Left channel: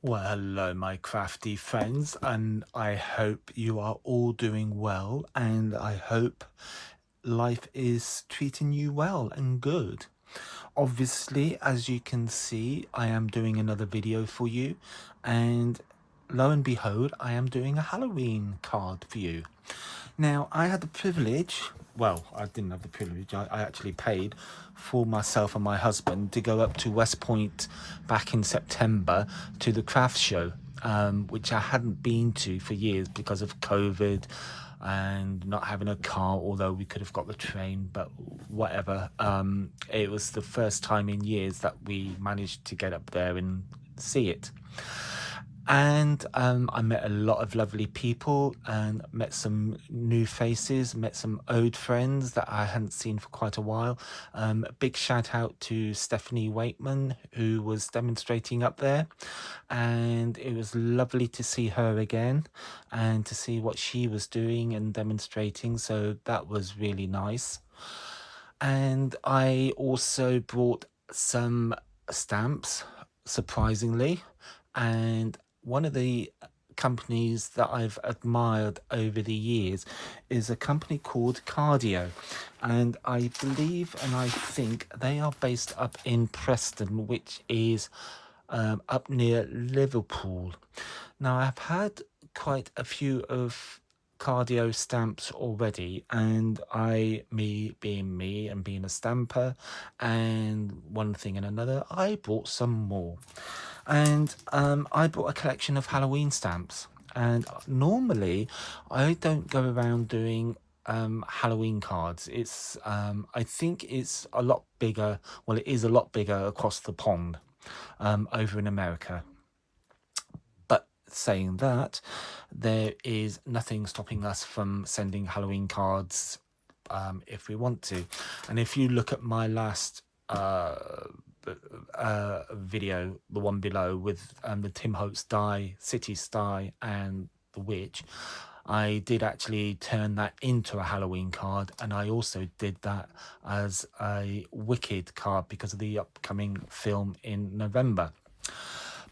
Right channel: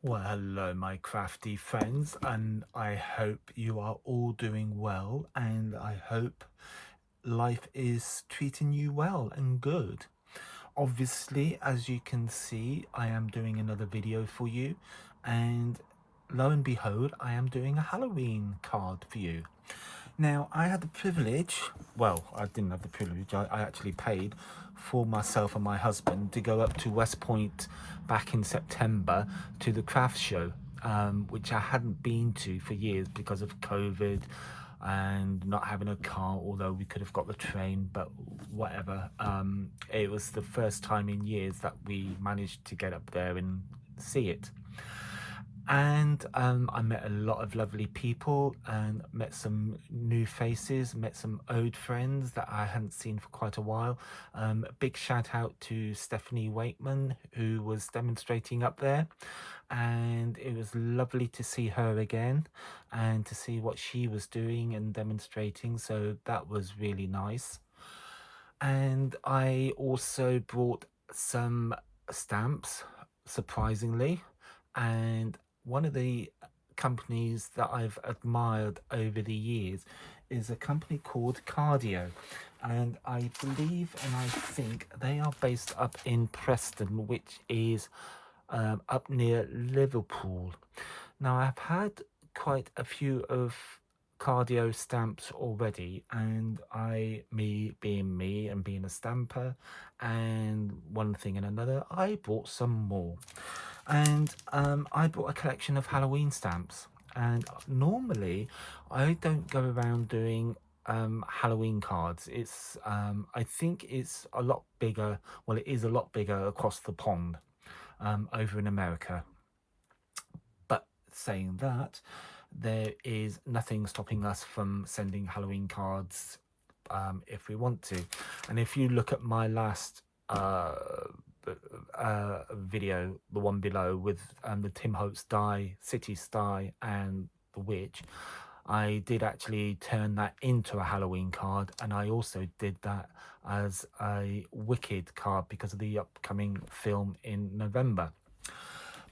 Well, hello, my crafty friends, and I hope you are all doing well, and I hope life is treating you well and good. Obviously, as you can see, I am doing another video for you, and lo and behold, I am doing a Halloween card for you. Now, I had the privilege, well, I didn't have the privilege, I actually paid for myself and my husband to go up to West Point back in September to the craft show, which I hadn't been to for years because of COVID and not having a car, although we could have got the train, but whatever. It was the first time in years that we managed to get up there and see it. And I met a lot of lovely people and met some new faces, met some old friends that I hadn't seen for quite a while. A big shout out to Stephanie Waitman, who was demonstrating up there. And it was lovely to see her again and to see what she was doing and demonstrating. So that was really nice. And I also brought some stamps, surprisingly. And one of the companies that I've admired over the years is a company called Cardio. And I believe and I think they are based up in Preston, which is up near Liverpool. Now, I've had quite a few of cardio stamps already, and me being me and being a stamper, and one thing and another, I bought some more. And I bought a collection of Halloween stamps. And normally, I don't go around doing Halloween cards. I think it's a lot bigger. Well, it is a lot bigger across the pond over in America. But saying that, there is nothing stopping us from sending Halloween cards if we want to. And if you look at my last video, the one below with the Tim Holtz die, City Sty, and the Witch, I did actually turn that into a Halloween card, and I also did that as a Wicked card because of the upcoming film in November.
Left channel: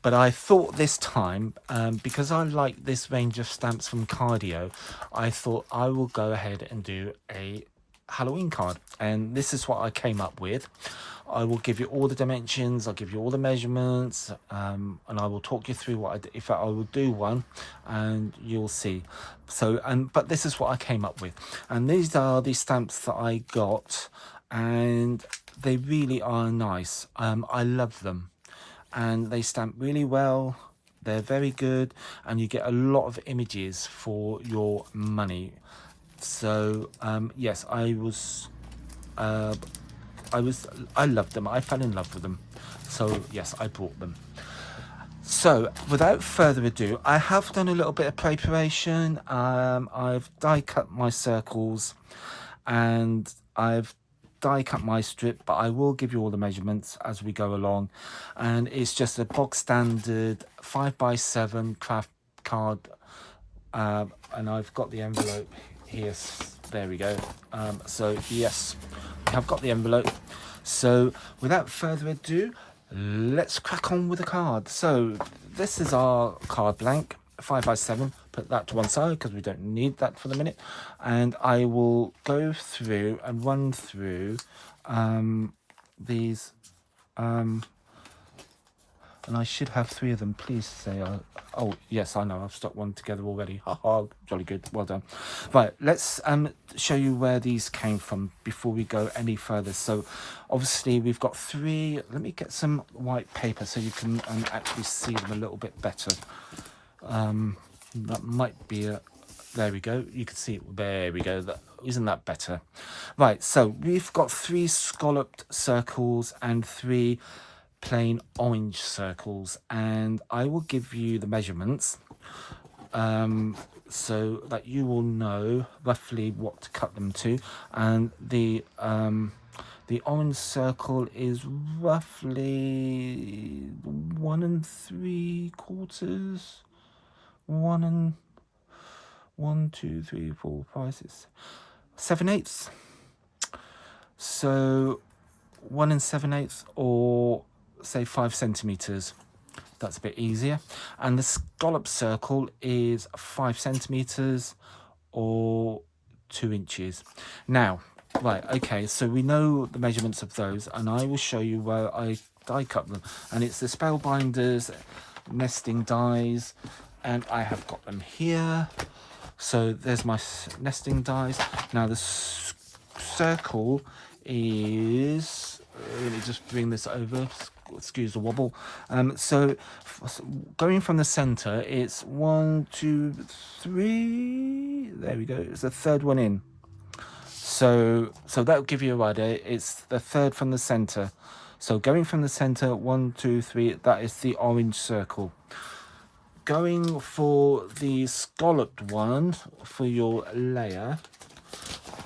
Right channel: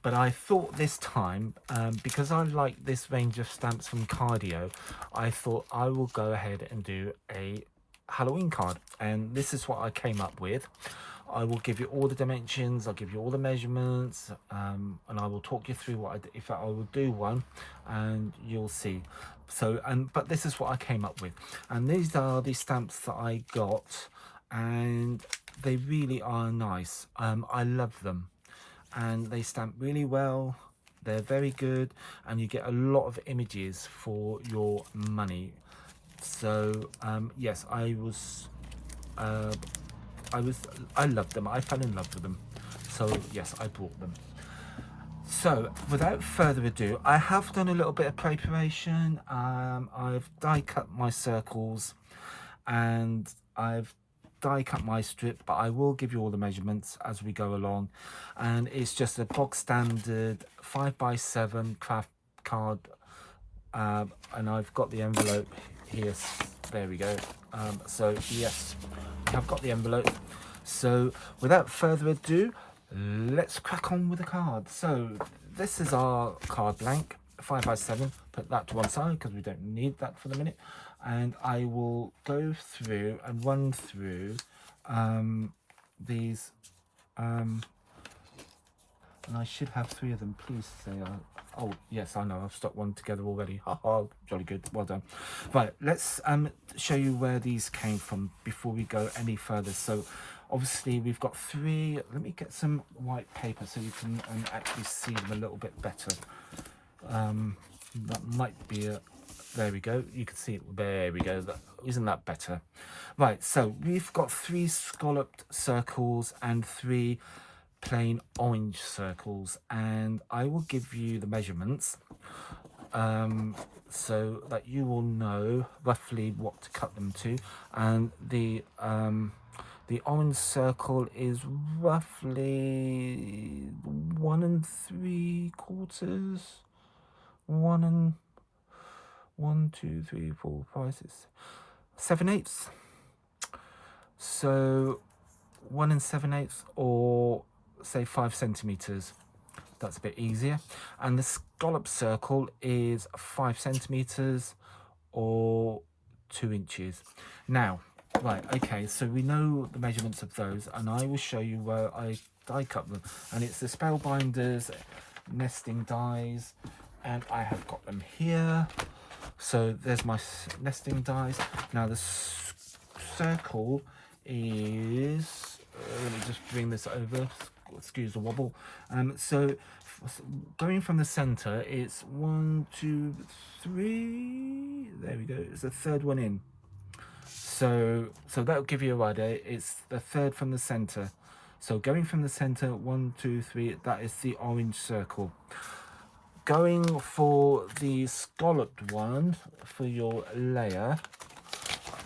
But I thought this time, because I like this range of stamps from Cardio, I thought I will go ahead and do a Halloween card. And this is what I came up with. I will give you all the dimensions, I'll give you all the measurements, and I will talk you through what I do. In fact, I will do one and you'll see. So, but this is what I came up with. And these are the stamps that I got, and they really are nice. I love them and they stamp really well. They're very good, and you get a lot of images for your money. So yes, uh, I loved them. I fell in love with them. So yes, I bought them. So without further ado, I have done a little bit of preparation. I've die cut my circles, and I've die cut my strip, but I will give you all the measurements as we go along. And it's just a bog standard 5x7 craft card, and I've got the envelope here. There we go. So yes, I've got the envelope. So without further ado, let's crack on with the card. So this is our card blank, 5x7. Put that to one side because we don't need that for the minute. And I will go through and run through these, and I should have three of them. Please say, oh yes, I know, I've stuck one together already. Haha, jolly good, well done. Right, let's show you where these came from before we go any further. So obviously we've got three. Let me get some white paper so you can actually see them a little bit better. That might be a, there we go, you can see it, there we go, isn't that better? Right, so we've got three scalloped circles and three plain orange circles, and I will give you the measurements so that you will know roughly what to cut them to. And the orange circle is roughly 1 3/4, 1 2 3 4 5 6 7/8. So 1 7/8, or say 5 centimeters. That's a bit easier. And the scallop circle is 5 centimeters or 2 inches. Now, right, okay, so we know the measurements of those, and I will show you where I die cut them. And it's the Spellbinders nesting dies, and I have got them here. So there's my nesting dies. Now the circle is, let me just bring this over, excuse the wobble. So going from the center, it's 1, 2, 3, there we go, it's the third one in. So that'll give you a idea. It's the third from the center. So going from the center, 1, 2, 3, that is the orange circle. Going for the scalloped one for your layer,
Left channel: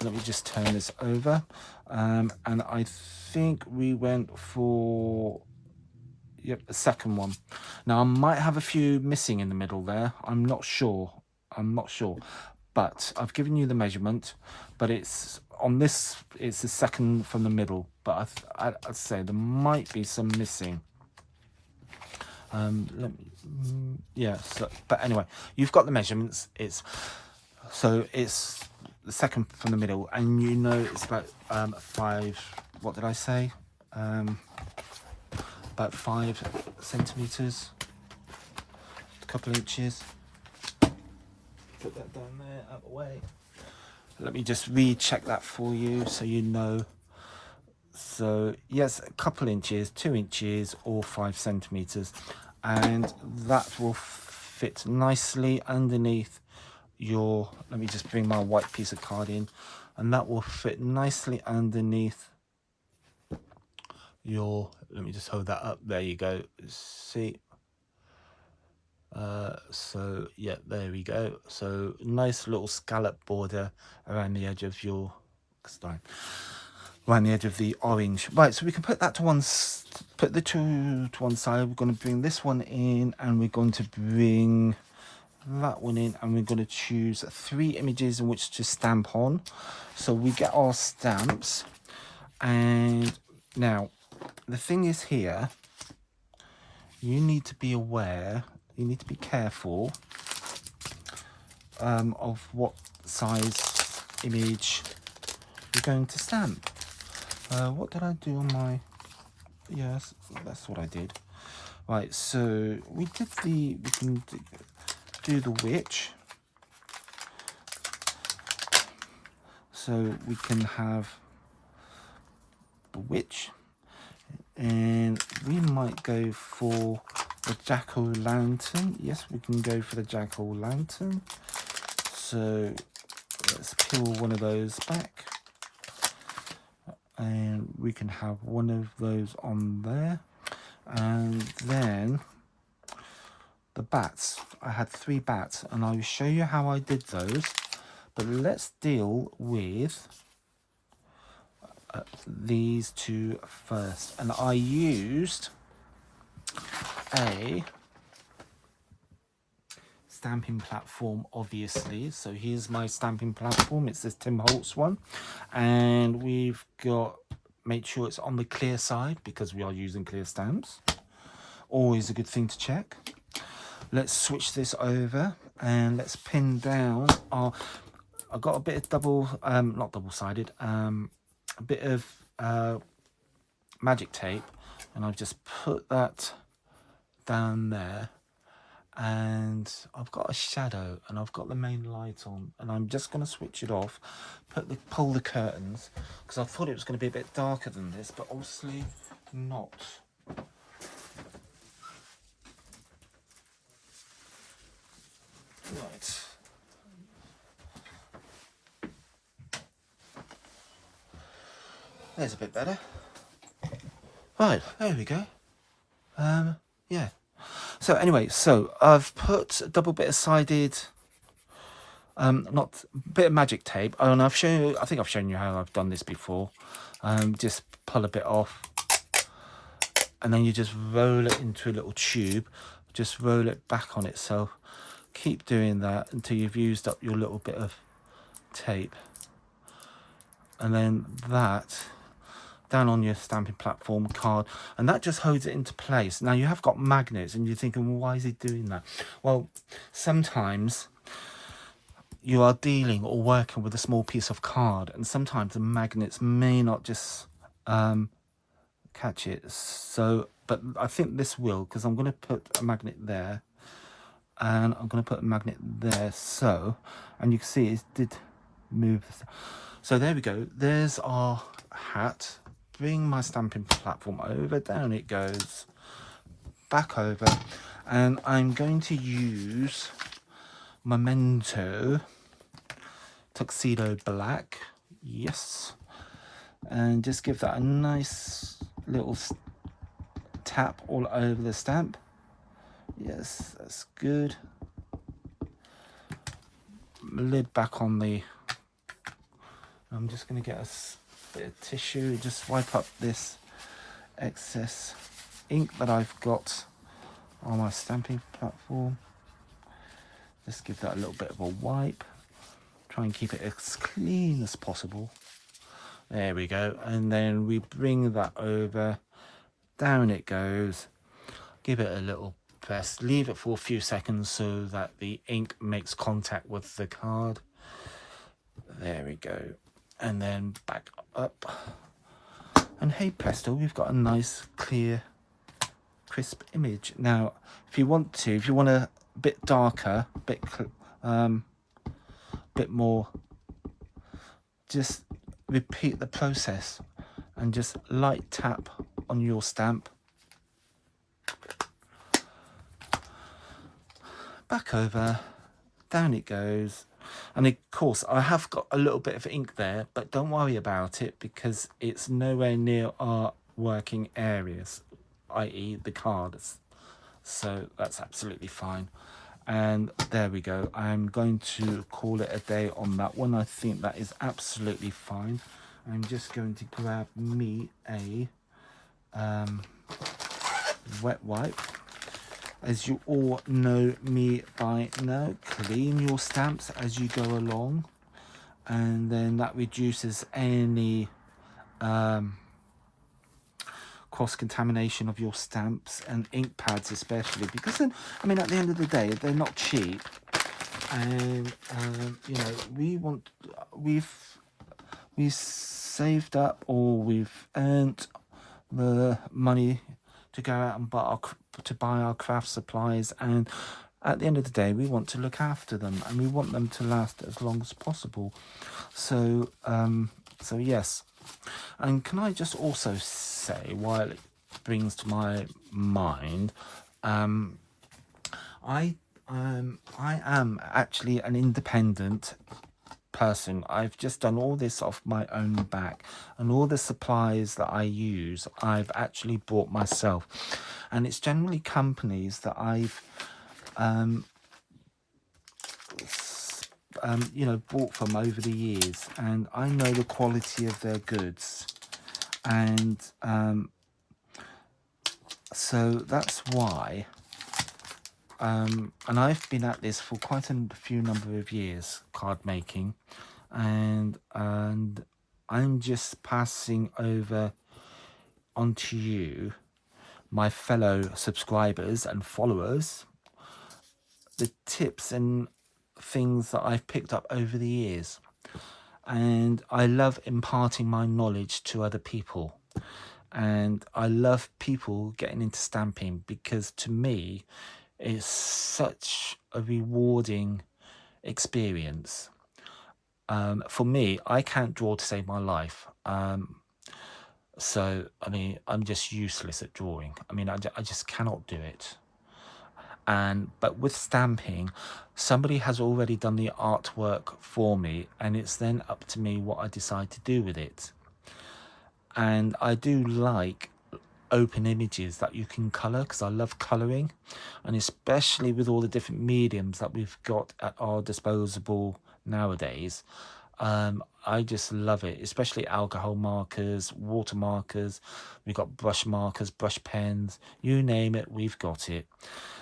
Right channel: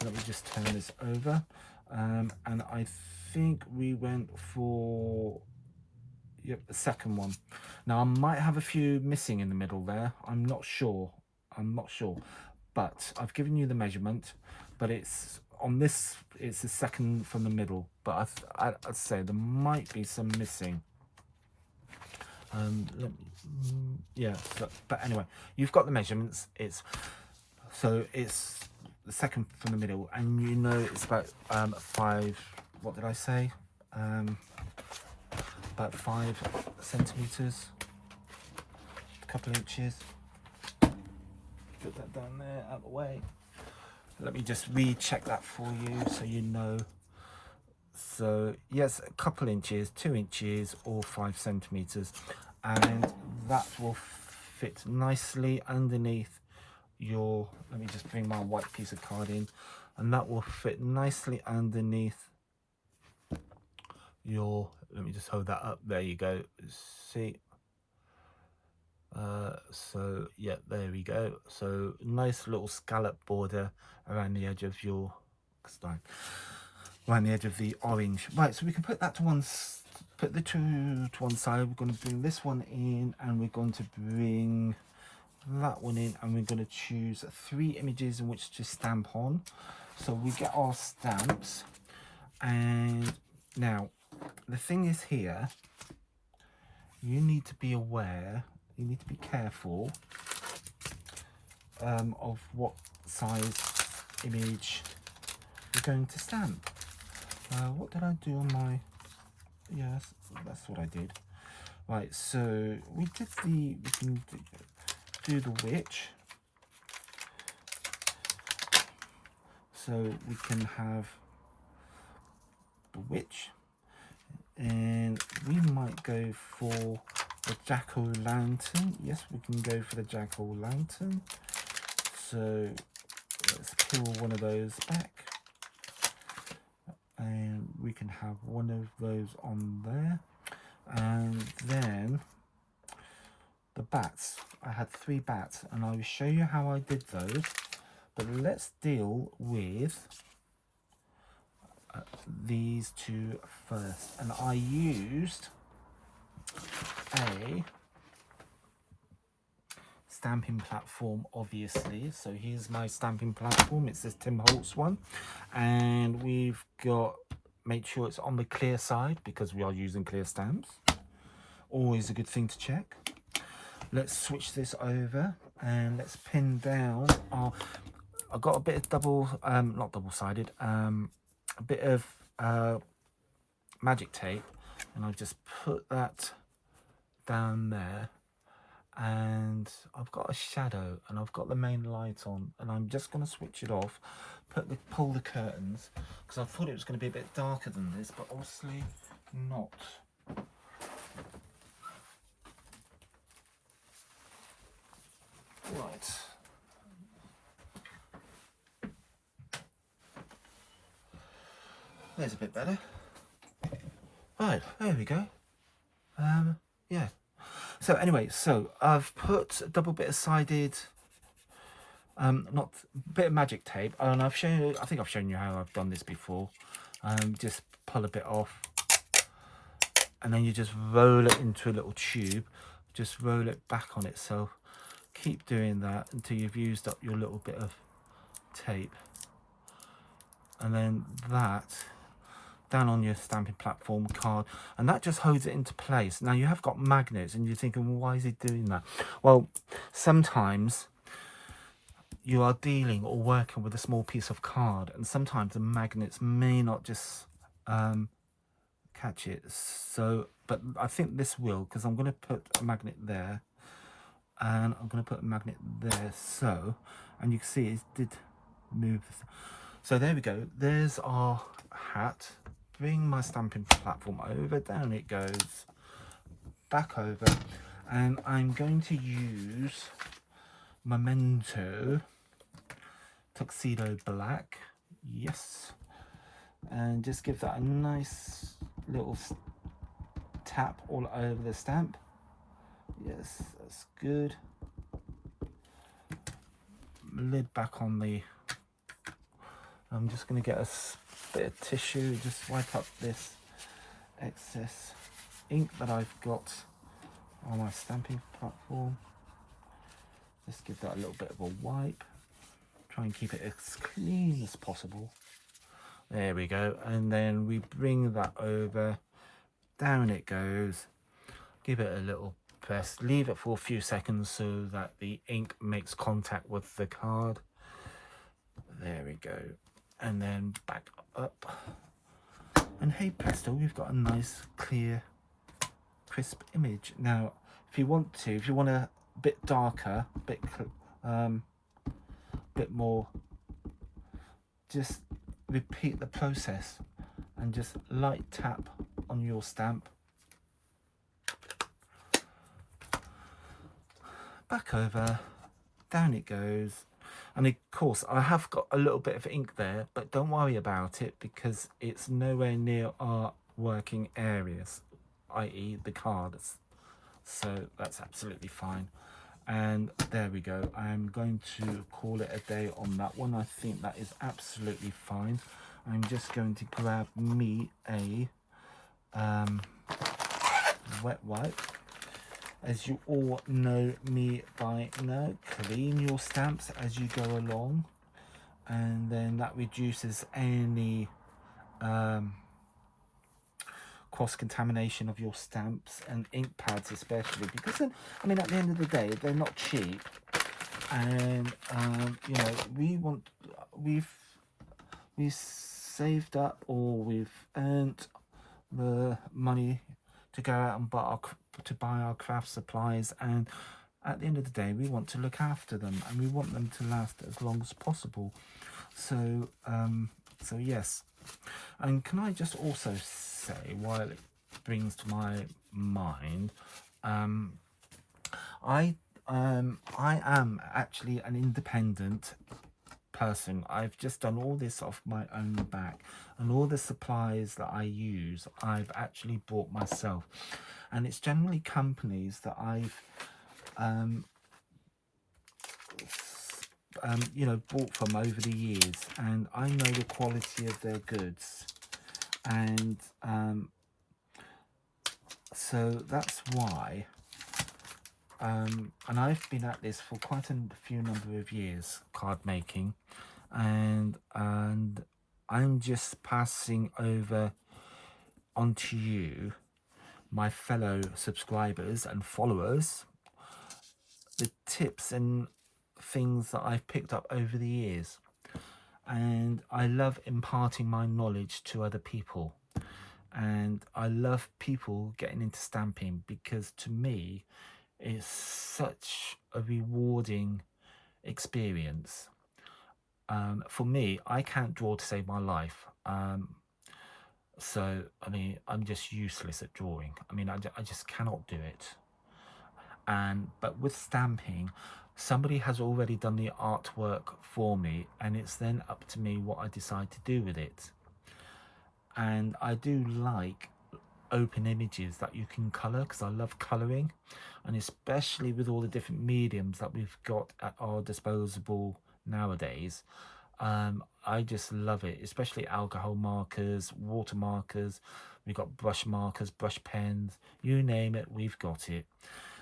let me just turn this over. And I think we went for, yep, the second one. Now I might have a few missing in the middle there. I'm not sure. But I've given you the measurement, but it's on this, it's the second from the middle, but I'd say there might be some missing. Let me, yeah, so, but anyway, you've got the measurements. It's the second from the middle, and you know it's about 5, what did I say, about 5 centimeters, a couple inches. Put that down there, out of the way. Let me just recheck that for you so you know. So yes, a couple inches, 2 inches or 5 centimeters, and that will fit nicely underneath your, let me just bring my white piece of card in, and that will fit nicely underneath your, let me just hold that up, there you go, see. So yeah, there we go. So nice little scallop border around the edge of your, around the edge of the orange. Right, so we can put that to one, put the two to one side. We're going to bring this one in, and we're going to bring that one in, and we're going to choose 3 images in which to stamp on. So we get our stamps, and now the thing is here, you need to be aware, you need to be careful of what size image you're going to stamp. What did I do on my, yes, that's what I did. Right, so we can do the witch. So we can have the witch, and we might go for the jack-o'-lantern. Yes, we can go for the jack-o'-lantern. So let's peel one of those back, and we can have one of those on there. And then the bats, I had 3 bats, and I will show you how I did those, but let's deal with these 2 first. And I used a stamping platform, obviously. So here's my stamping platform. It's this Tim Holtz one, and we've got, make sure it's on the clear side because we are using clear stamps. Always a good thing to check. Let's switch this over and let's pin down our, I've got a bit of double, not double-sided, a bit of magic tape, and I've just put that down there, and I've got a shadow, and I've got the main light on, and I'm just going to switch it off, pull the curtains, because I thought it was going to be a bit darker than this, but obviously not. Right. There's a bit better. Right, there we go. Yeah. So anyway, so I've put a double bit of sided, not bit of magic tape, and I've shown you, I think I've shown you how I've done this before. Just pull a bit off, and then you just roll it into a little tube, just roll it back on itself. Keep doing that until you've used up your little bit of tape, and then that down on your stamping platform card, and that just holds it into place. Now you have got magnets, and you're thinking, well, why is he doing that? Well, sometimes you are dealing or working with a small piece of card, and sometimes the magnets may not just catch it. So, but I think this will, because I'm going to put a magnet there, and I'm going to put a magnet there. So, and you can see it did move. So there we go. There's our hat. Bring my stamping platform over, down it goes, back over, and I'm going to use Memento Tuxedo Black, yes, and just give that a nice little tap all over the stamp. Yes, that's good. Lid back on the, I'm just going to get a bit of tissue, just wipe up this excess ink that I've got on my stamping platform. Just give that a little bit of a wipe. Try and keep it as clean as possible. There we go. And then we bring that over. Down it goes. Give it a little press. Leave it for a few seconds so that the ink makes contact with the card. There we go. And then back up. And hey presto, we've got a nice, clear, crisp image. Now, if you want a bit darker, bit more, just repeat the process and just light tap on your stamp. Back over, down it goes. And of course, I have got a little bit of ink there, but don't worry about it because it's nowhere near our working areas, i.e. the cards. So that's absolutely fine. And there we go. I'm going to call it a day on that one. I think that is absolutely fine. I'm just going to grab me a wet wipe. As you all know me by now, clean your stamps as you go along, and then that reduces any cross-contamination of your stamps and ink pads, especially because then, I mean, at the end of the day, they're not cheap, and you know, we've saved up, or we've earned the money to go out and buy our craft supplies, and at the end of the day we want to look after them and we want them to last as long as possible. So so yes. And can I just also say, while it brings to my mind, I am actually an independent person. I've just done all this off my own back, and all the supplies that I use I've actually bought myself, and it's generally companies that I've you know, bought from over the years, and I know the quality of their goods, and so that's why and I've been at this for quite a few number of years, card making, and I'm just passing over onto you, my fellow subscribers and followers, the tips and things that I've picked up over the years. And I love imparting my knowledge to other people, and I love people getting into stamping because to me it's such a rewarding experience. For me, I can't draw to save my life. So, I mean, I'm just useless at drawing. I mean, I just cannot do it. But with stamping, somebody has already done the artwork for me, and it's then up to me what I decide to do with it. And I do like open images that you can color, because I love coloring, and especially with all the different mediums that we've got at our disposal nowadays. I just love it, especially alcohol markers, water markers. We've got brush markers, brush pens, you name it, we've got it.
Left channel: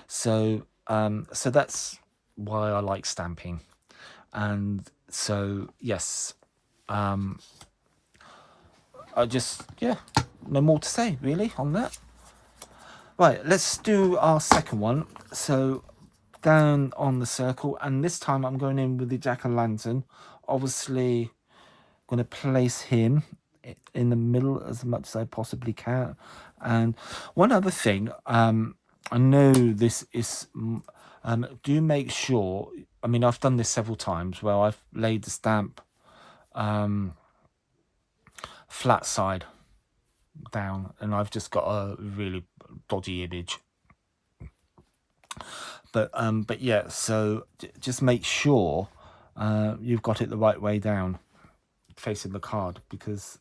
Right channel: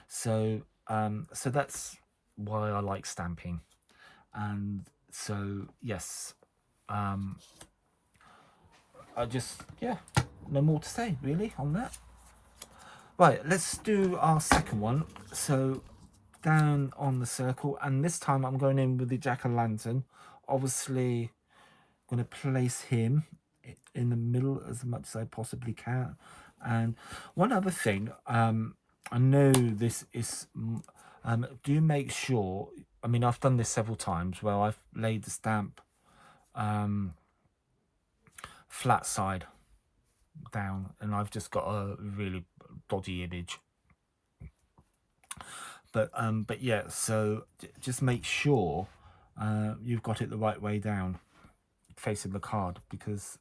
So so that's why I like stamping. And so yes, yeah, no more to say really on that. Right, let's do our second one. So down on the circle, and this time I'm going in with the jack-o'-lantern. Obviously going to place him in the middle as much as I possibly can. And one other thing, I know this is, do make sure, I mean, I've done this several times where I've laid the stamp flat side down and I've just got a really dodgy image. But yeah, so just make sure you've got it the right way down, facing the card, because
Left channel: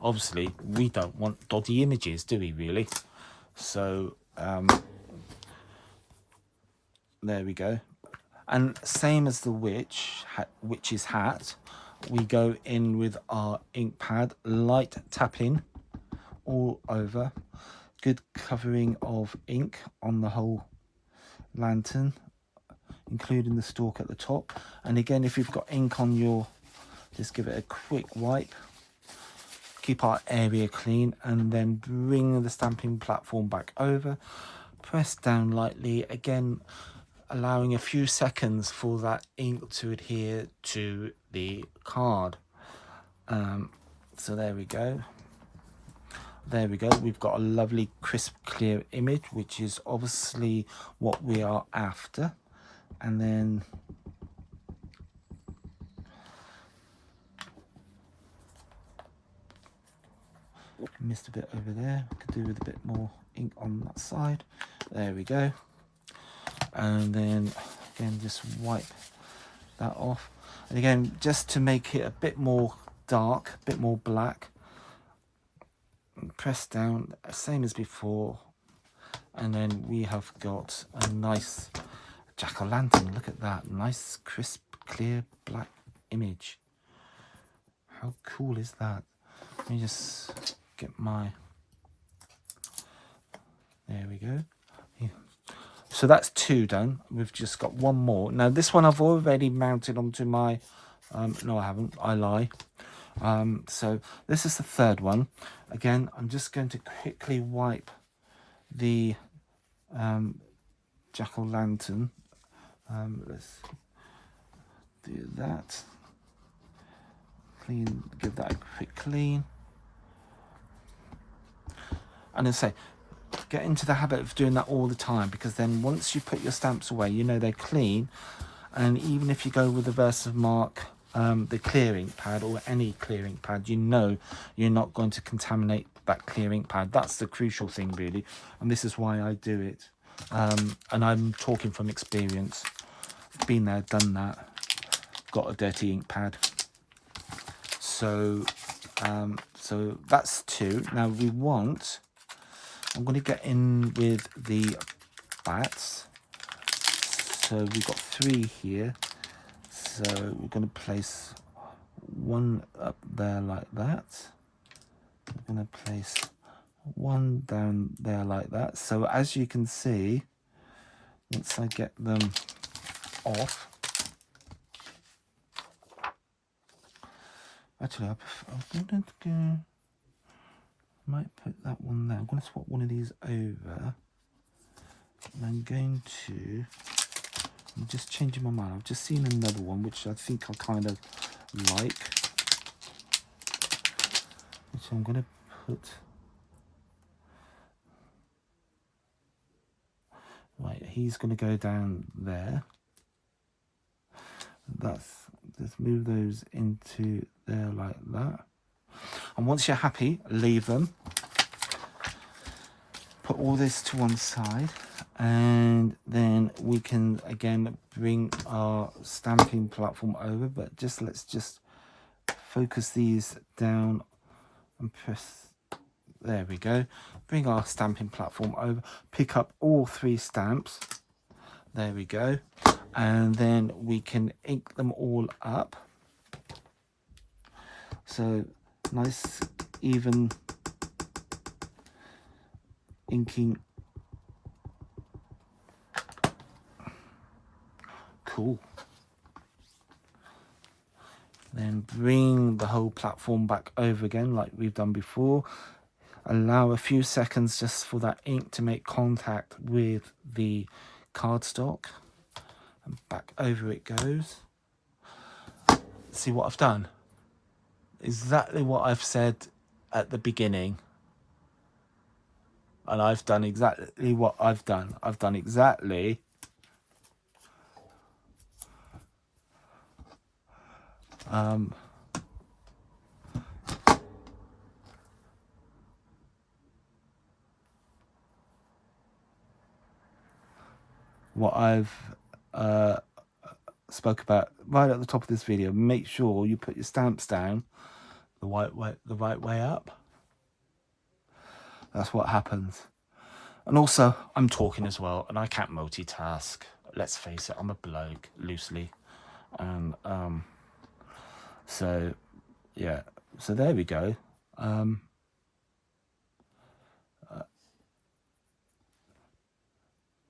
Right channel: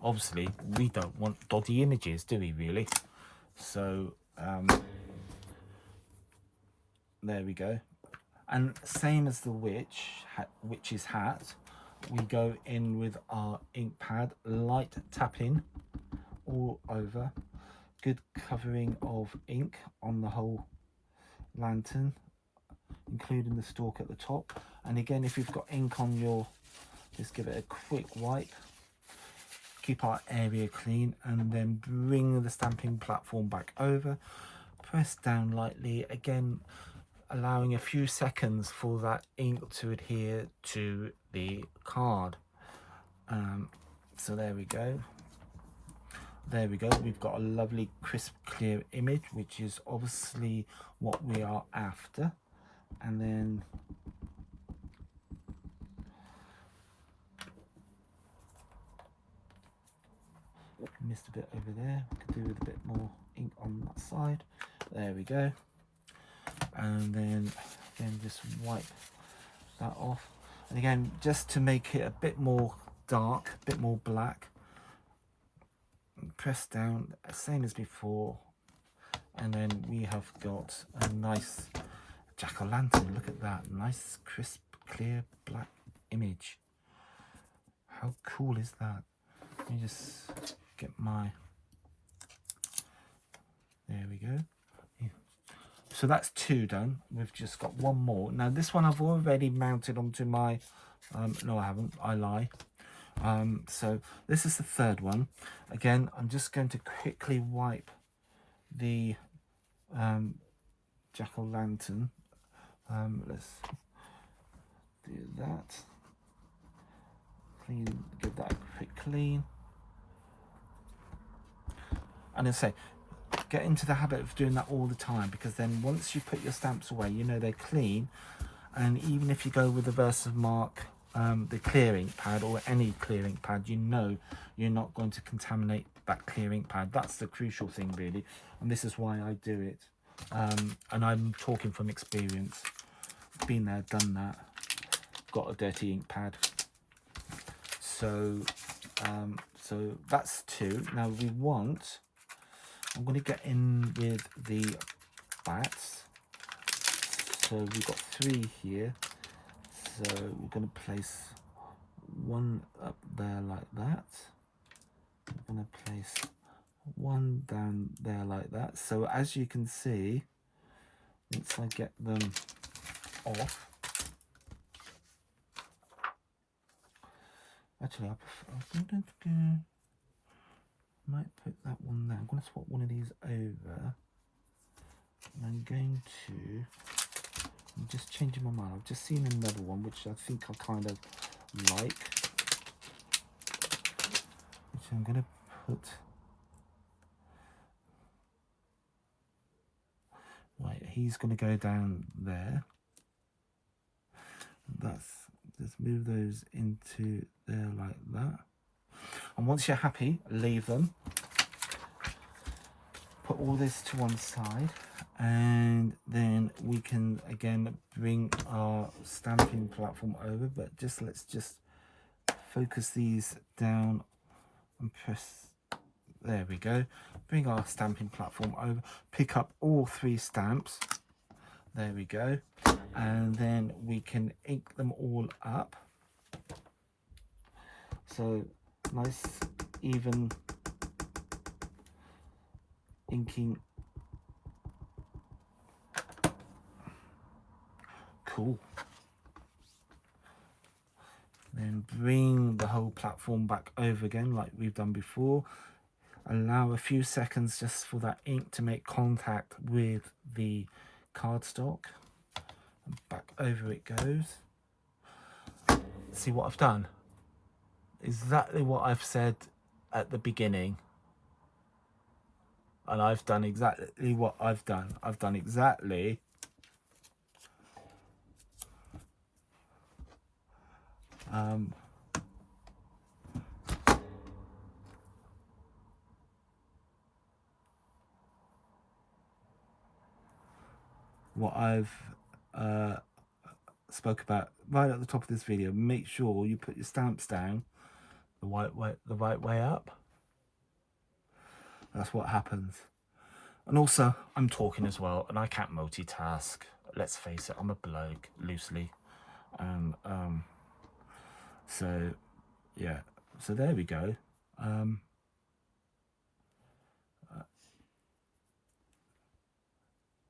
obviously we don't want dodgy images, do we really? So there we go. And same as the witch's hat, we go in with our ink pad, light tapping all over, good covering of ink on the whole lantern, including the stalk at the top. And again, if you've got ink on your, just give it a quick wipe, keep our area clean, and then bring the stamping platform back over, press down lightly, again allowing a few seconds for that ink to adhere to the card. So there we go. There we go. We've got a lovely crisp clear image, which is obviously what we are after. And then missed a bit over there, could do with a bit more ink on that side. There we go. And then again, just wipe that off. And again, just to make it a bit more dark, a bit more black, press down, same as before. And then we have got a nice jack-o'-lantern. Look at that, nice crisp clear black image. How cool is that? Let me just get my, there we go. Yeah. So that's 2 done. We've just got 1 more. Now this one I've already mounted onto my, no I haven't, I lie. So this is the 3rd one. Again, I'm just going to quickly wipe the jack-o'-lantern. Let's do that. Clean, give that a quick clean. And I say, get into the habit of doing that all the time, because then once you put your stamps away, you know they're clean. And even if you go with the Versamark, the clear ink pad or any clear ink pad, you know you're not going to contaminate that clear ink pad. That's the crucial thing really, and this is why I do it. And I'm talking from experience, been there, done that, got a dirty ink pad. So so that's 2. Now we want, I'm going to get in with the bats. So we've got 3 here. So we're going to place 1 up there like that. We're going to place 1 down there like that. So as you can see, once I get them off, actually I might put that one there. I'm going to swap one of these over. And I'm going to, I'm just changing my mind. I've just seen another one which I think I kind of like. So I'm going to put, right, he's going to go down there. That's, just move those into there like that. And once you're happy, leave them. Put all this to one side, and then we can again bring our stamping platform over, but just let's just focus these down and press, there we go. Bring our stamping platform over, pick up all 3 stamps, there we go, and then we can ink them all up. So nice even inking. Cool. There and bring the whole platform back over again like we've done before. Allow a few seconds just for that ink to make contact with the cardstock, and back over it goes. See what I've done? Exactly what I've said at the beginning. And I've done exactly what I've done. I've done exactly what I've spoke about right at the top of this video. Make sure you put your stamps down the right way up. That's what happens. And also, I'm talking as well, and I can't multitask. Let's face it, I'm a bloke, loosely. And so yeah, so there we go.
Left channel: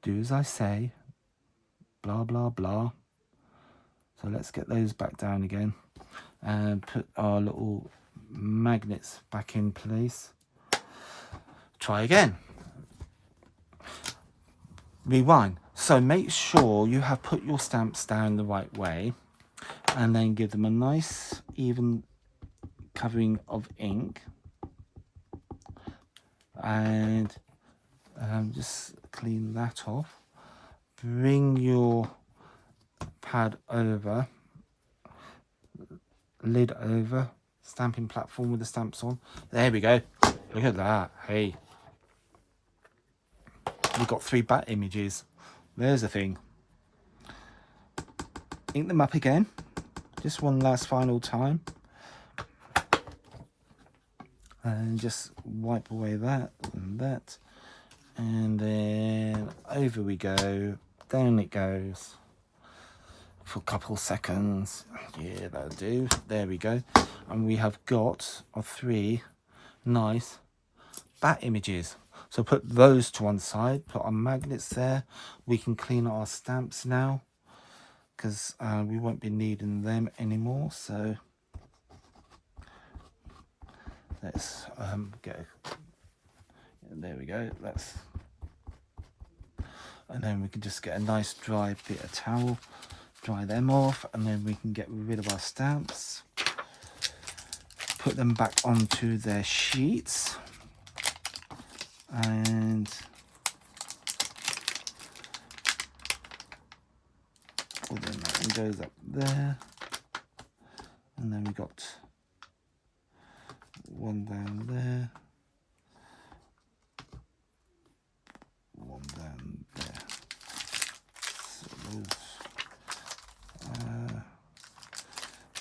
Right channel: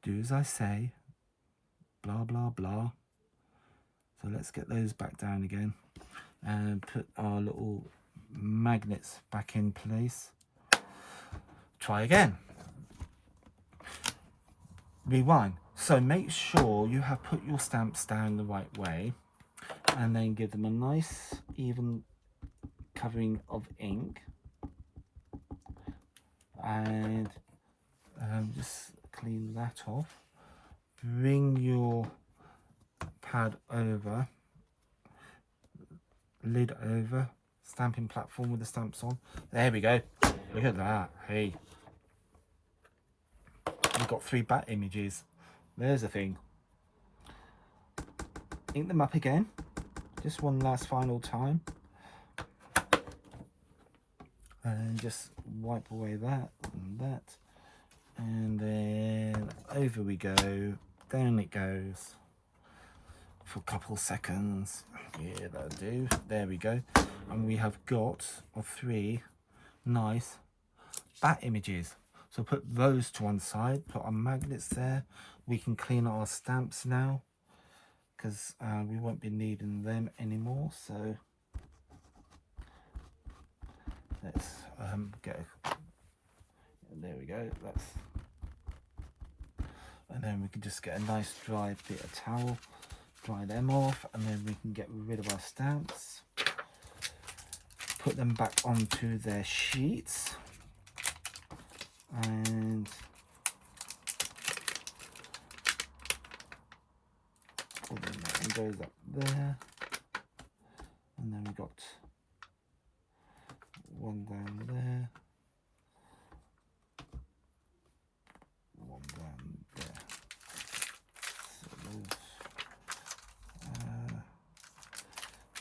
Do as I say, blah blah blah. So let's get those back down again and put our little magnets back in place. Try again. Rewind. So make sure you have put your stamps down the right way, and then give them a nice even covering of ink, and just clean that off. Bring your pad over, lid over, stamping platform with the stamps on. There we go. Look at that. Hey, we've got 3 bat images. There's the thing. Ink them up again, just one last final time, and just wipe away that and that, and then over we go, down it goes for a couple seconds. Yeah, that'll do. There we go. And we have got our 3 nice bat images. So put those to one side, put our magnets there. We can clean our stamps now, because we won't be needing them anymore. So let's get there we go. And then we can just get a nice dry bit of towel, dry them off, and then we can get rid of our stamps, put them back onto their sheets, and well, then that one goes up there, and then we got one down there, one down there. So those,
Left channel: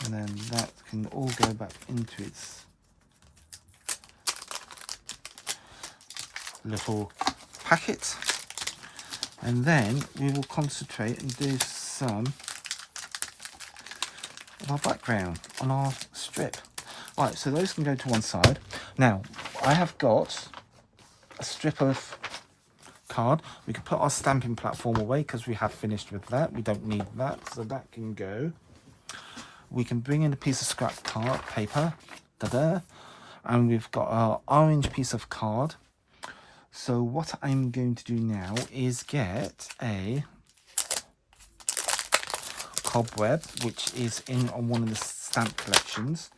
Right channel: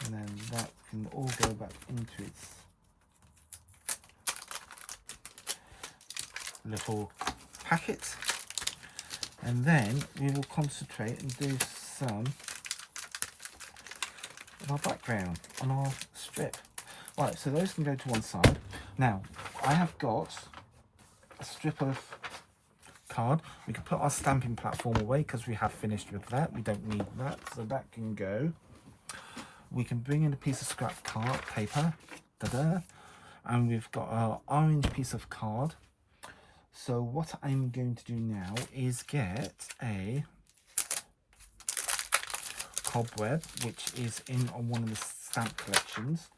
and then that can all go back into its little packet, and then we will concentrate and do some of our background on our strip. Right, so those can go to one side. Now I have got a strip of card. We can put our stamping platform away because we have finished with that. We don't need that, so that can go. We can bring in a piece of scrap card paper, and we've got our orange piece of card. So what I'm going to do now is get a cobweb, which is in on one of the stamp collections.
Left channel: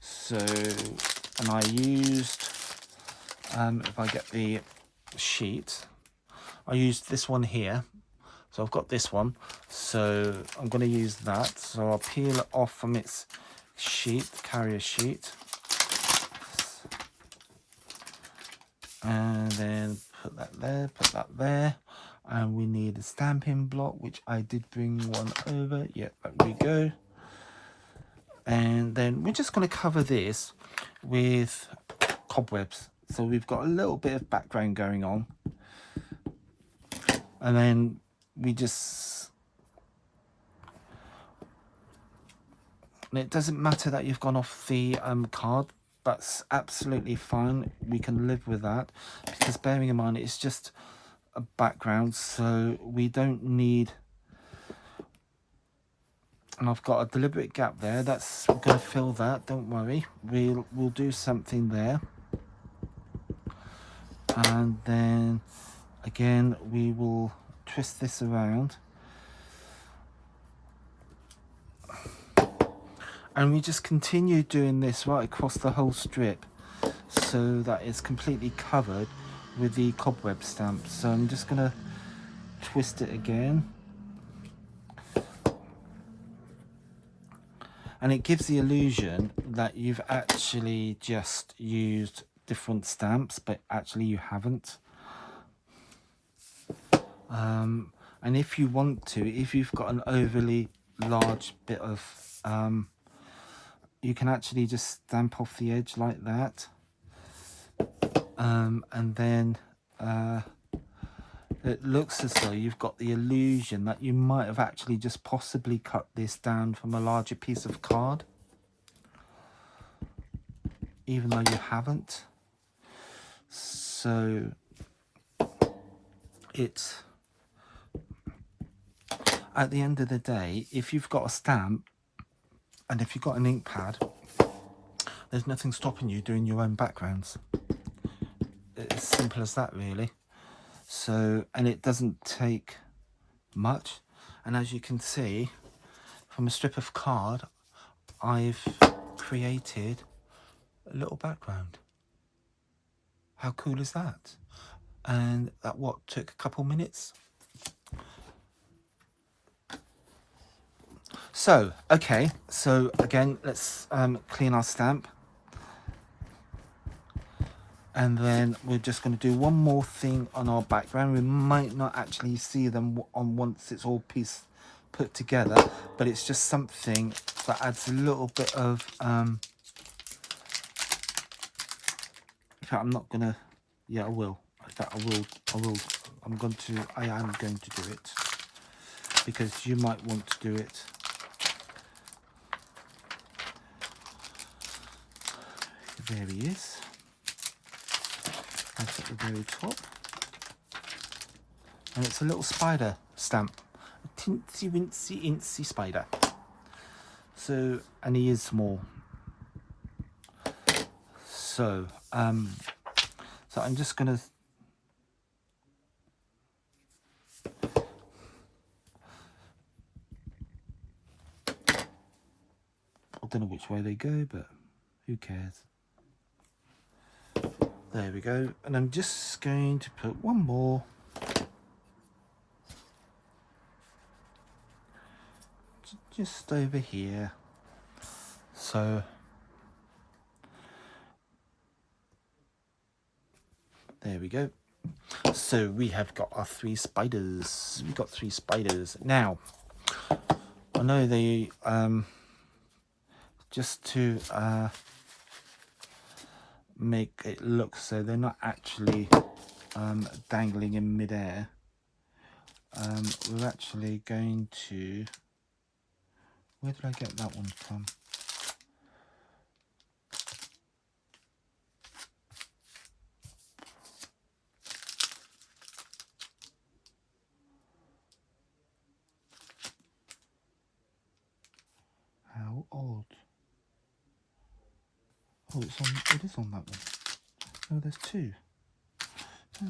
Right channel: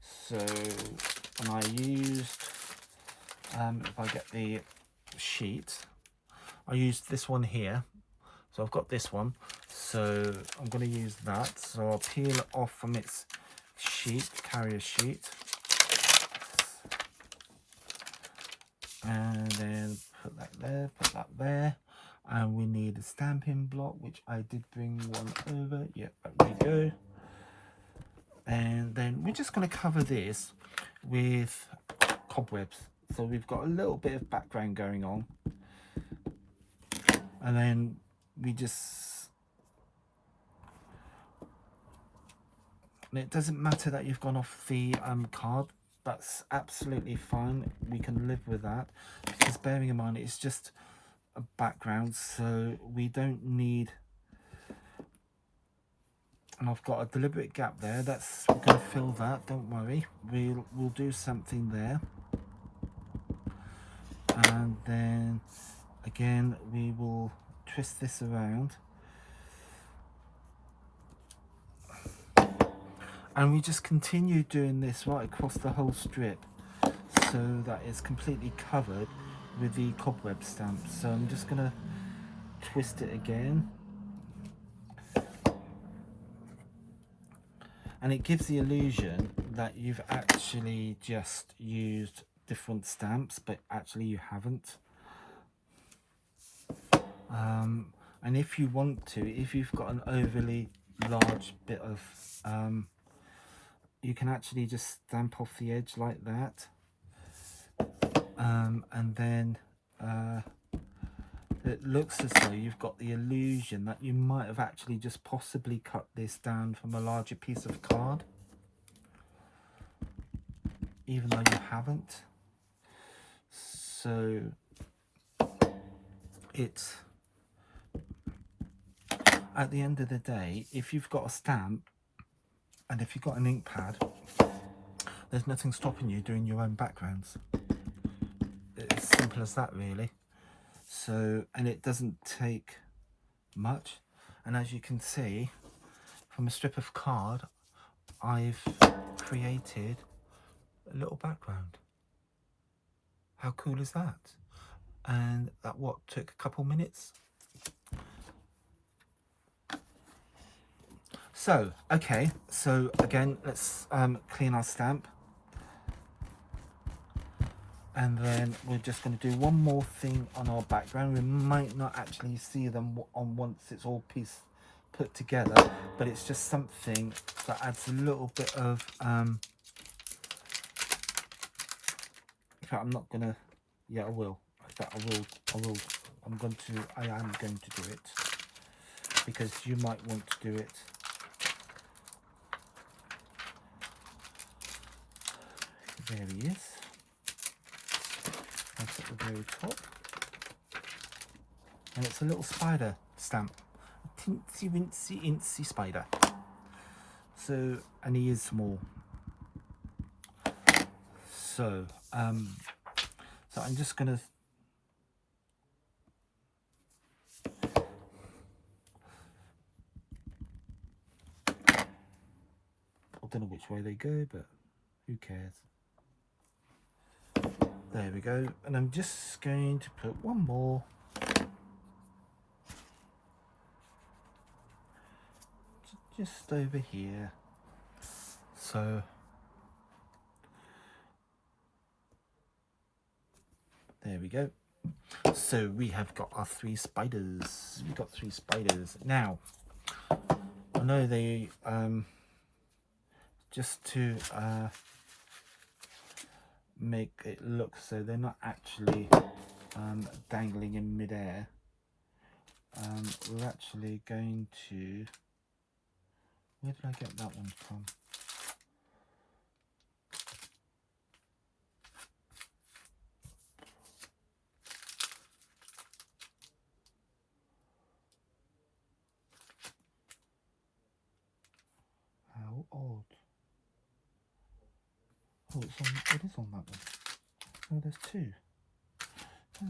So, and I used, if I get the sheet, I used this one here. So I've got this one, so I'm going to use that. So I'll peel it off from its sheet, carrier sheet, and then put that there, and we need a stamping block, which I did bring one over. Yeah, there we go. And then we're just going to cover this with cobwebs, so we've got a little bit of background going on, and then we just, and it doesn't matter that you've gone off the card. That's absolutely fine. We can live with that, because bearing in mind it's just a background, so we don't need and I've got a deliberate gap there. That's, we're going to fill that, don't worry. We'll do something there, and then again we will twist this around, and we just continue doing this right across the whole strip so that it's completely covered with the cobweb stamp. So I'm just going to twist it again, and it gives the illusion that you've actually just used different stamps, but actually you haven't. And if you want to, if you've got an overly large bit of you can actually just stamp off the edge like that, and then it looks as though you've got the illusion that you might have actually just possibly cut this down from a larger piece of card, even though you haven't. So it's, at the end of the day, if you've got a stamp and if you've got an ink pad, there's nothing stopping you doing your own backgrounds. It's as simple as that, really. So, and it doesn't take much, and as you can see from a strip of card, I've created a little background. How cool is that? And that took a couple minutes. So okay, so again, let's clean our stamp, and then we're just going to do one more thing on our background. We might not actually see them on once it's all put together, but it's just something that adds a little bit of in fact, I'm not gonna, yeah, I will. In fact, I am going to do it, because you might want to do it. There he is. That's at the very top. And it's a little spider stamp. A teensy wincy incy spider. So, and he is small. So, so I'm just gonna I don't know which way they go, but who cares? There we go. And I'm just going to put one more. Just over here. So there we go. So we have got our 3 spiders. We got 3 spiders. Now, I know they just to make it look so they're not actually dangling in midair, we're actually going to, where did I get that one from? How odd. Oh, it is on that one. Oh, there's 2. Oh,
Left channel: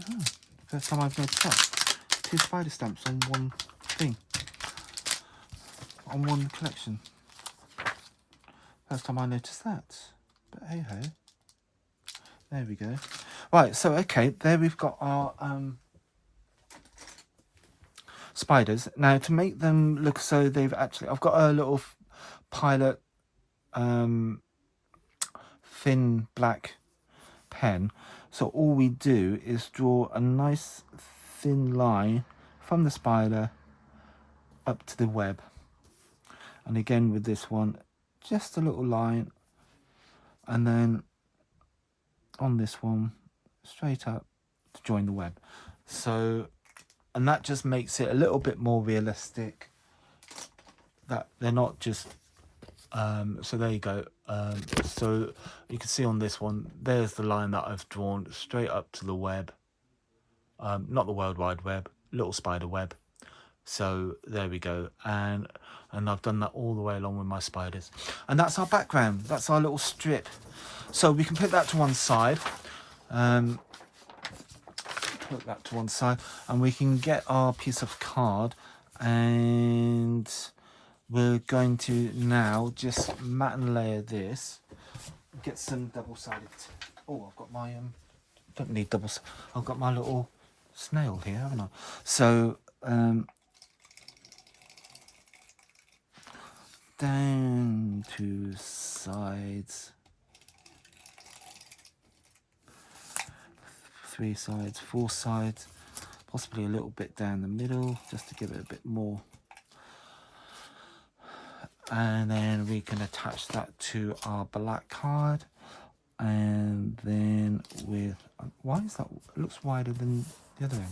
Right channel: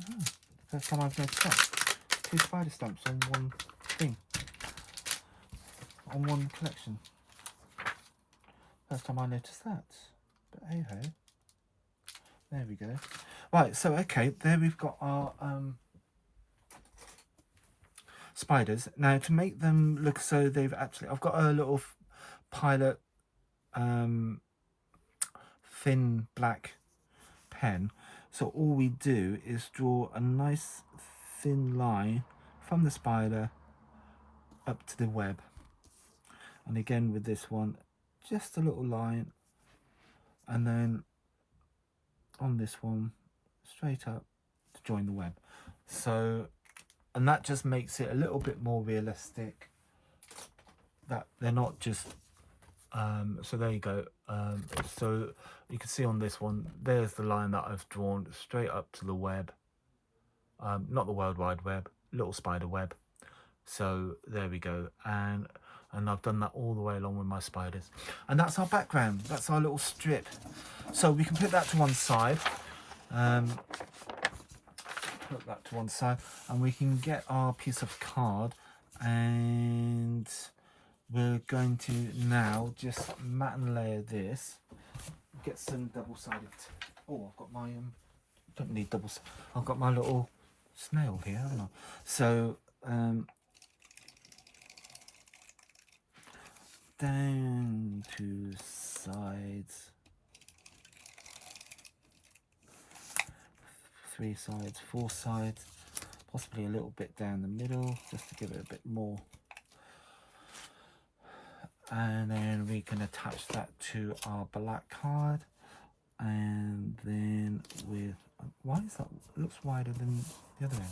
first time I've noticed that. 2 spider stamps on one thing. On one collection. First time I noticed that. But hey ho. There we go. Right, so okay, there we've got our spiders. Now to make them look so they've actually, I've got a little Pilot thin black pen. So all we do is draw a nice thin line from the spider up to the web. And again with this one, just a little line, and then on this one straight up to join the web. So, and that just makes it a little bit more realistic, that they're not just so there you go. So you can see on this one, there's the line that I've drawn straight up to the web, not the World Wide Web, little spider web. So there we go. And And I've done that all the way along with my spiders. And that's our background. That's our little strip. So we can put that to one side. Put that to one side. And we can get our piece of card. And we're going to now just mat and layer this. Get some double-sided. Oh, I've got my don't need doubles. I've got my little snail here, haven't I? So down two sides, three sides, four sides, possibly a little bit down the middle, just to give it a bit more. And then we can attach that to our black card. And then with, why is that, it looks wider than the other end.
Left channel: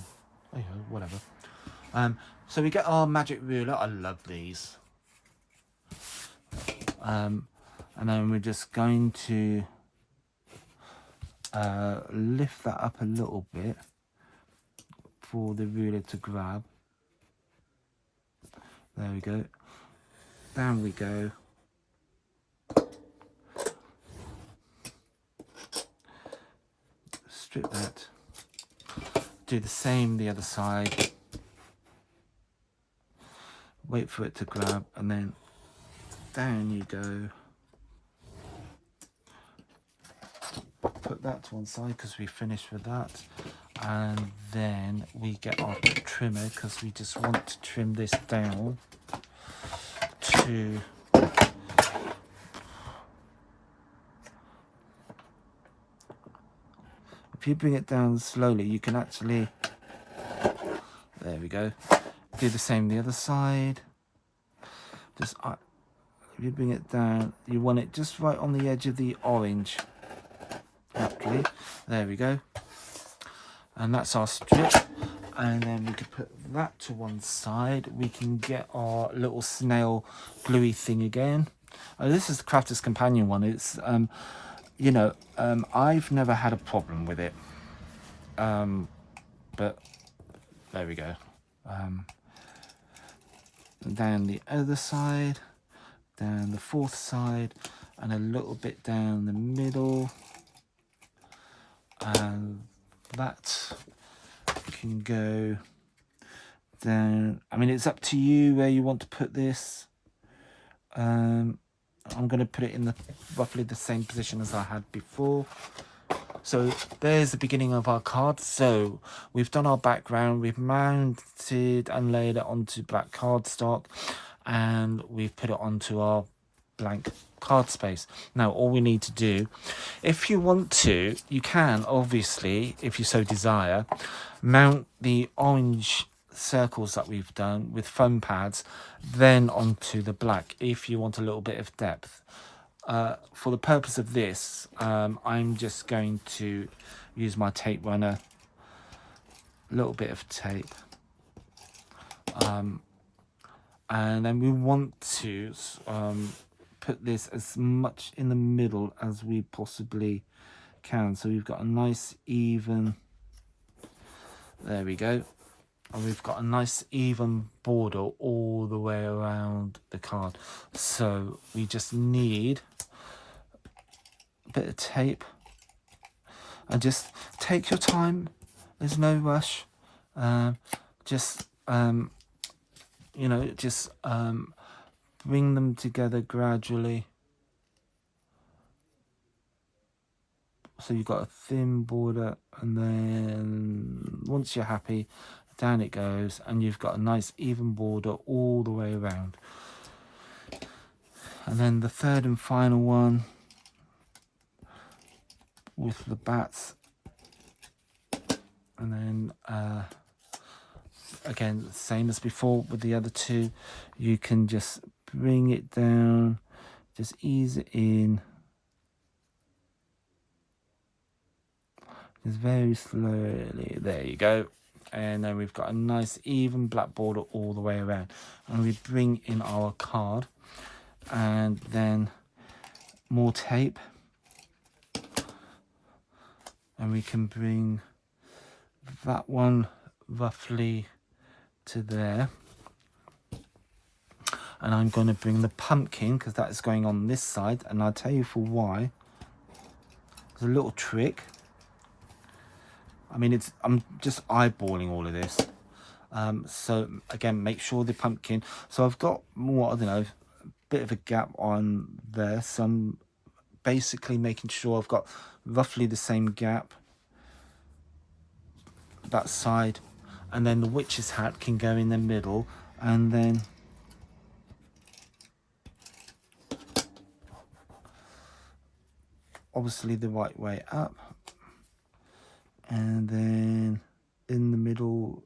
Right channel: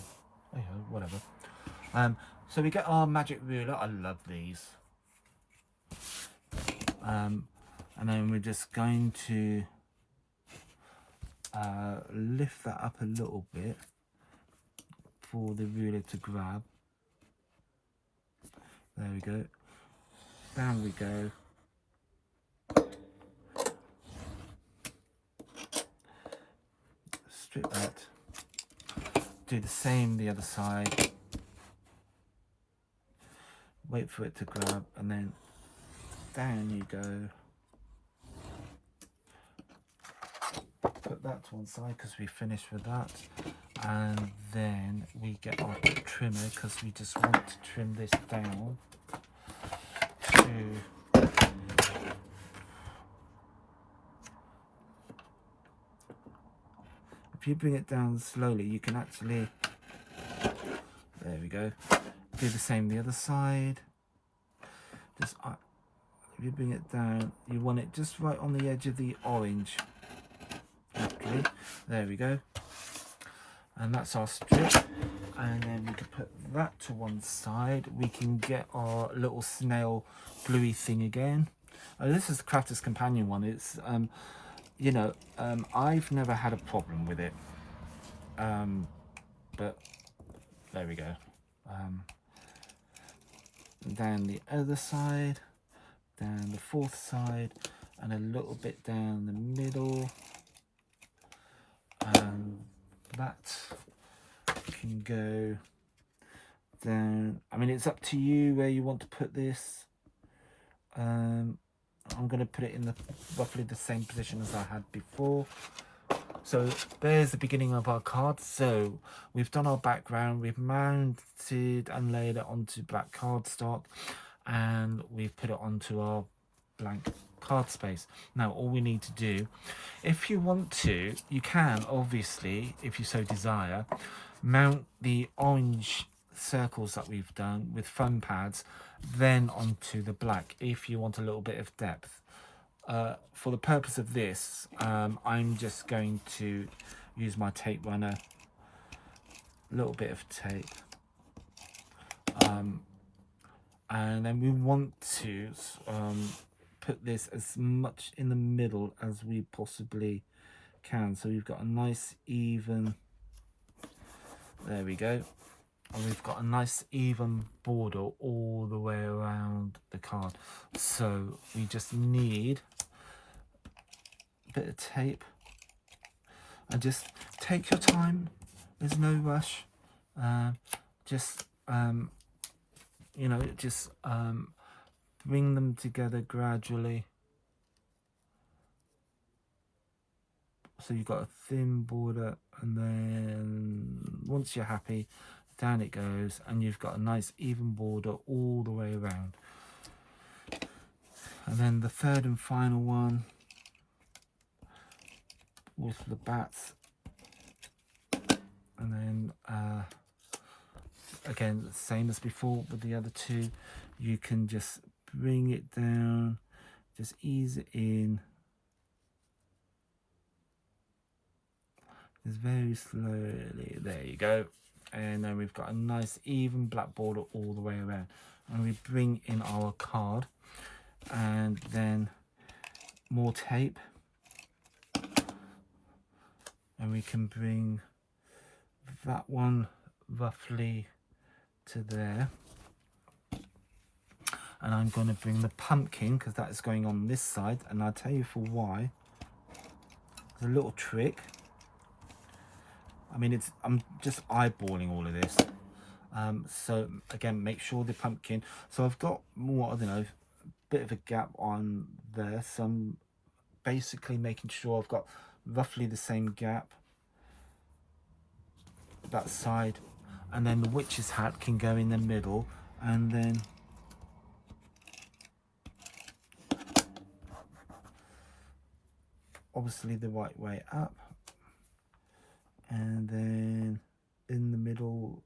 Oh yeah, whatever. So we get our magic ruler. I love these. And then we're just going to lift that up a little bit for the ruler to grab. There we go. Down we go. Strip that. Do the same the other side. Wait for it to grab, and then down you go. Put that to one side because we finished with that. And then we get our trimmer because we just want to trim this down to if you bring it down slowly, you can actually, there we go, do the same the other side. Just if you bring it down, you want it just right on the edge of the orange. Okay, there we go. And that's our strip. And then we can put that to one side. We can get our little snail gluey thing again. Oh, this is the Crafter's Companion one. It's you know, I've never had a problem with it, but there we go. Down the other side, down the fourth side, and a little bit down the middle, and that can go down. I mean, it's up to you where you want to put this. I'm going to put it in the roughly the same position as I had before. So there's the beginning of our card. So we've done our background, we've mounted and laid it onto black cardstock, and we've put it onto our blank card space. Now all we need to do, if you want to, you can obviously, if you so desire, mount the orange circles that we've done with foam pads then onto the black if you want a little bit of depth. For the purpose of this, I'm just going to use my tape runner, a little bit of tape, and then we want to put this as much in the middle as we possibly can, so we've got a nice even, there we go, and we've got a nice even border all the way around the card. So we just need a bit of tape, and just take your time, there's no rush. Just you know, just bring them together gradually. So you've got a thin border, and then once you're happy, down it goes, and you've got a nice even border all the way around. And then the third and final one with the bats, and then again, same as before with the other two, you can just bring it down, just ease it in, just very slowly, there you go. And then we've got a nice even black border all the way around, and we bring in our card, and then more tape, and we can bring that one roughly to there, And I'm going to bring the pumpkin, because that is going on this side, and I'll tell you for why. There's a little trick. I mean, I'm just eyeballing all of this. So again, make sure the pumpkin, so I've got more, I don't know, a bit of a gap on there, so I'm basically making sure I've got roughly the same gap that side, and then the witch's hat can go in the middle, and then obviously the right way up, and then in the middle,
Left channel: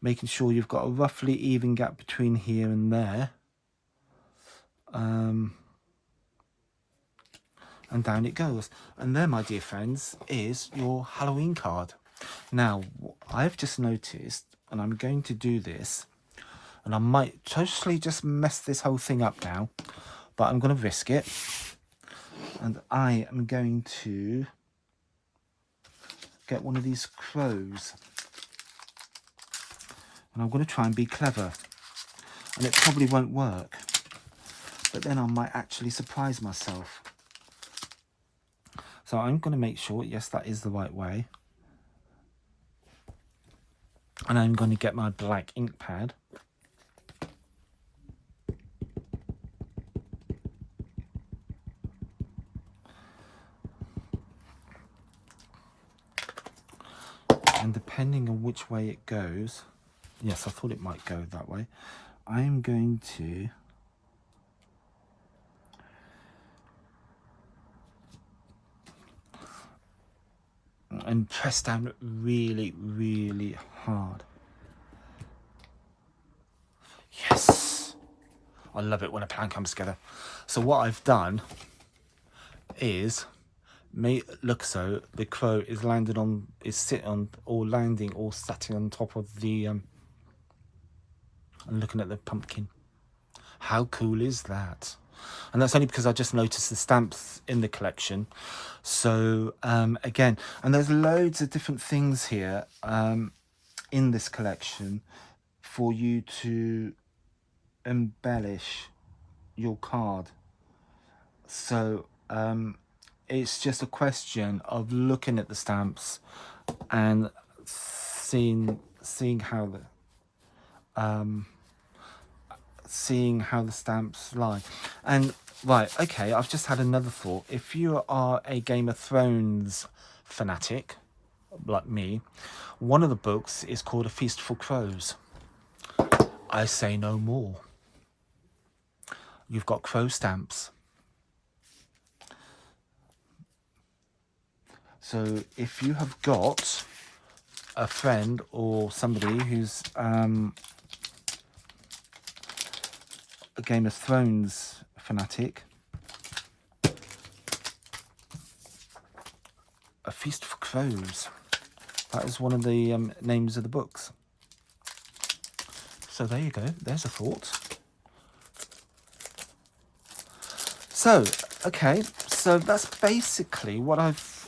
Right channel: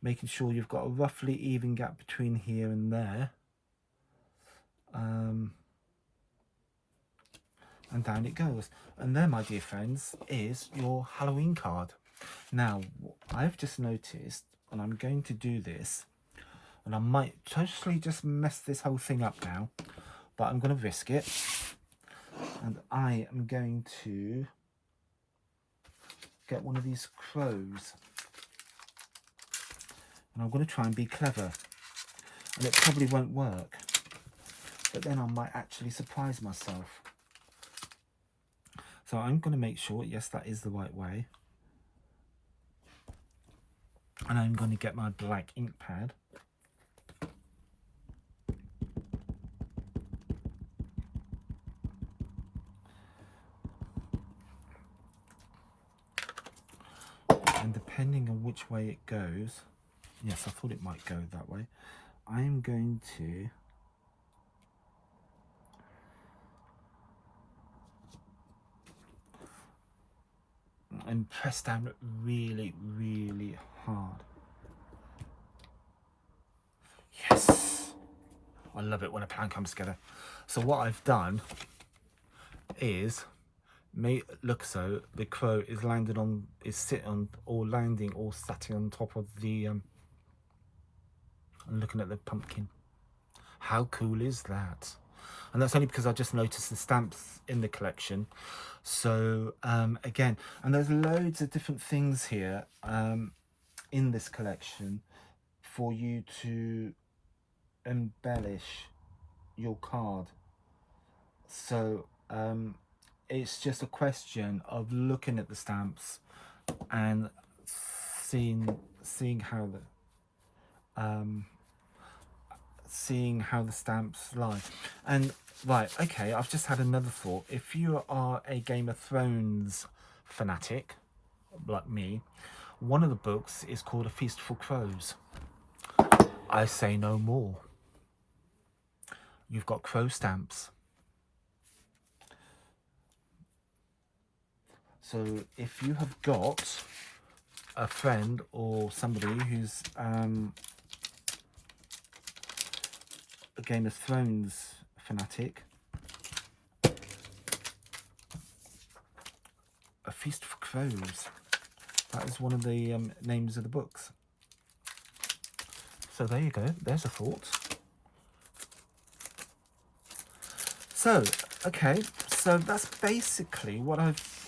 making sure you've got a roughly even gap between here and there, and down it goes. And there, my dear friends, is your Halloween card. Now, I've just noticed, and I'm going to do this, and I might totally just mess this whole thing up now, but I'm going to risk it. And I am going to get one of these crows, and I'm going to try and be clever, and it probably won't work, but then I might actually surprise myself. So I'm going to make sure, yes, that is the right way, and I'm going to get my black ink pad, and depending on which way it goes, yes, I thought it might go that way, I'm going to and press down really, really hard. Yes, I love it when a plan comes together. So what I've done is look, so the crow is landed on, is sitting on, or landing, or sitting on top of the and looking at the pumpkin. How cool is that? And that's only because I just noticed the stamps in the collection. So again, and there's loads of different things here in this collection for you to embellish your card. So it's just a question of looking at the stamps and seeing how the stamps lie. And right, okay, I've just had another thought. If you are a Game of Thrones fanatic like me, one of the books is called A Feast for Crows. I say no more. You've got crow stamps. So if you have got a friend or somebody who's a Game of Thrones fanatic, A Feast for Crows, that is one of the names of the books. So there you go, there's a thought. So, okay, so that's basically what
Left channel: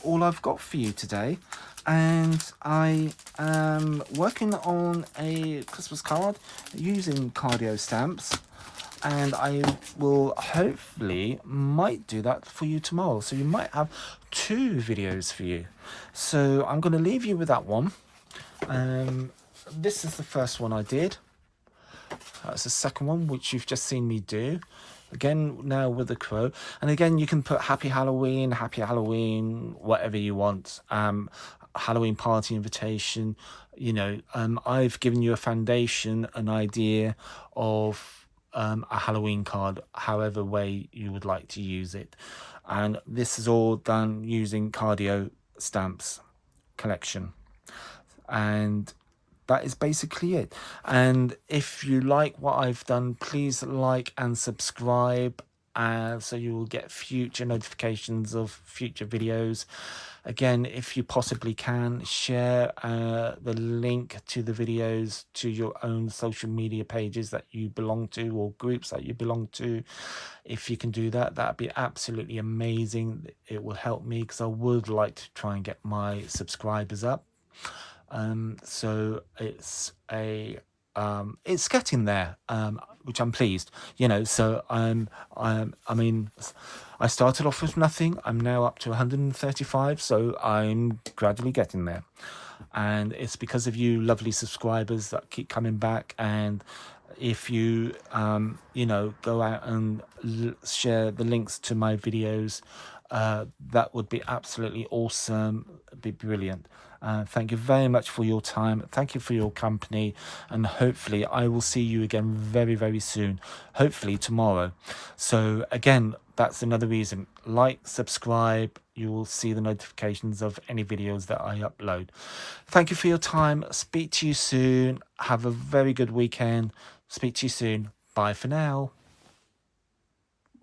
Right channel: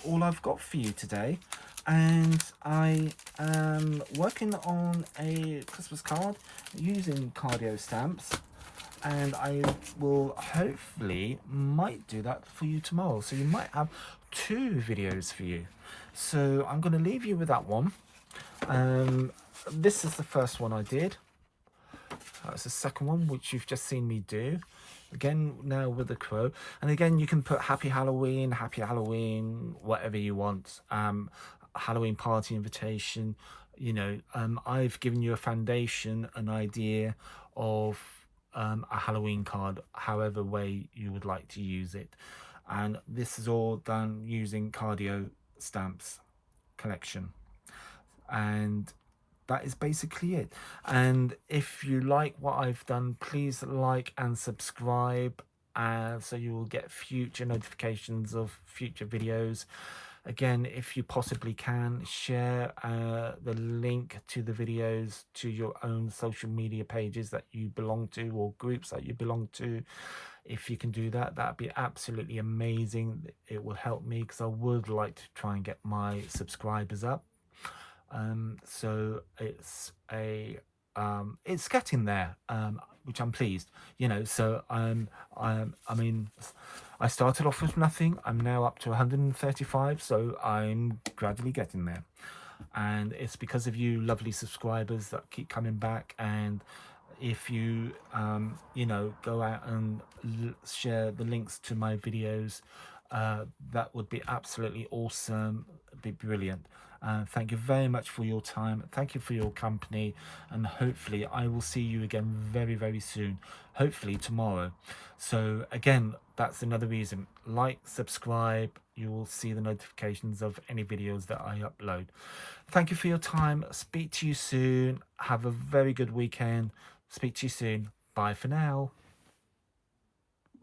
all I've got for you today. And I am working on a Christmas card using Cardio stamps, and I will hopefully might do that for you tomorrow. So you might have 2 videos for you. So I'm going to leave you with that one. This is the first one I did. That's the second one, which you've just seen me do. Again, now with the crow. And again, you can put Happy Halloween, whatever you want. Halloween party invitation. You know, I've given you a foundation, an idea of a Halloween card, however way you would like to use it. And this is all done using Cardio stamps collection. And that is basically it. And if you like what I've done, please like and subscribe, so you will get future notifications of future videos. Again, if you possibly can, share the link to the videos to your own social media pages that you belong to, or groups that you belong to. If you can do that, that'd be absolutely amazing. It will help me, because I would like to try and get my subscribers up. So it's a it's getting there, which I'm pleased, you know. So I mean, I started off with nothing. I'm now up to 135, so I'm gradually getting there. And it's because of you lovely subscribers that keep coming back. And if you you know, go out and share the links to my videos, that would be absolutely awesome. It'd be brilliant. Thank you very much for your time. Thank you for your company, and hopefully I will see you again very, very soon, hopefully tomorrow. So again, that's another reason: like, subscribe. You will see the notifications of any videos that I upload. Thank you for your time. Speak to you soon. Have a very good weekend. Speak to you soon. Bye for now.